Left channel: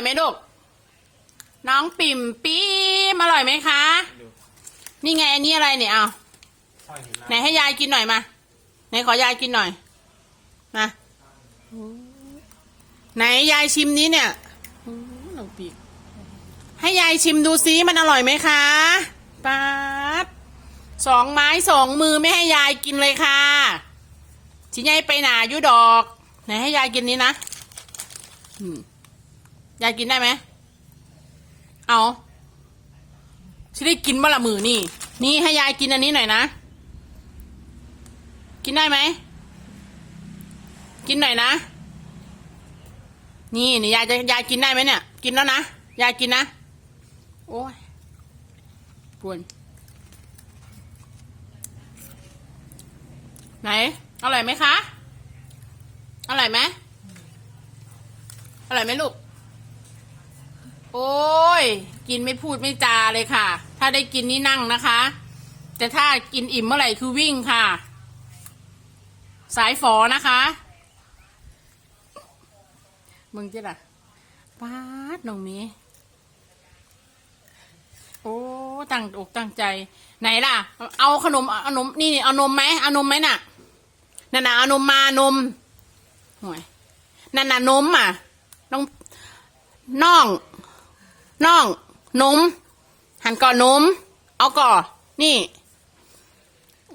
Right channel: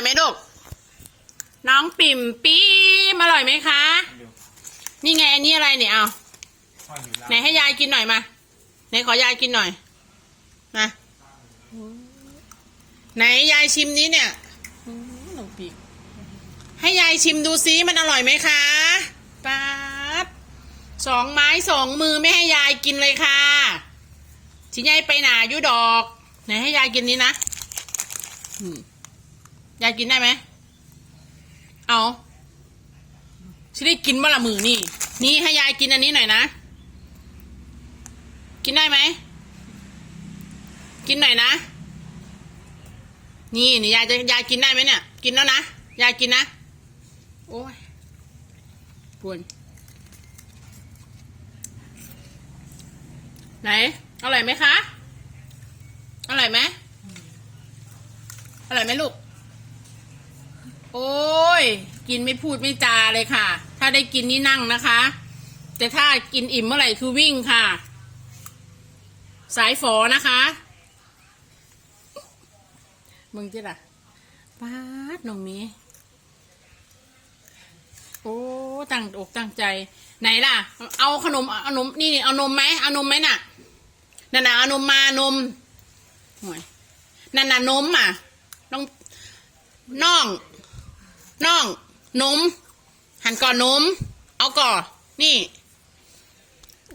อยไหมลูก น้องปิ่มปี๊มอร่อยไหมคะ นี่ไงอันนี้อะไรเนี่ยเอาไหนให้ยายกินหน่อยมาไหนขอยายกินหน่อยมาไหนยายชิมนี้เนี่ยน้องปีกให้ยายชิมดูซิมันอร่อยไหมคะป๊าดสองไม้สองมือไม่ให้ยายกินเลยค่ะชิยายไปหนาอยุดอก ไหนให้ยายกินนี้นะ อืม ยายกินได้ไหม เอาฉันได้กินเมื่อละมือนี่ นี่ให้ยายกินอันนี้หน่อยนะ กินได้ไหม กินหน่อยนะ นี่นี่ยายจะยายกินได้ไหมเนี่ย กินแล้วนะ ยายกินนะ โอ้ยปวนไหนอร่อยไหมคะ อร่อยไหมอร่อยไหมลูก โอ้ย กินไม่พูดไม่จาเลยค่ะ ถ้าได้กินนี่นั่งนะคะ แต่ถ้ากินอิ่มเมื่อไหร่คือวิ่งค่ะ สายฝอนะคะ มึงจิล่ะป้าดน้องเมียโอ้ตั้งอกตั้งใจ ไหนล่ะ เอาขนมเอานมนี่เอานมไหมเอานมไหมน่ะนั่นน่ะเอานมมานมห่วยนั่นน่ะนมอะน้องน้อง น่องนม หันก่อนนม เอาก่อนนี่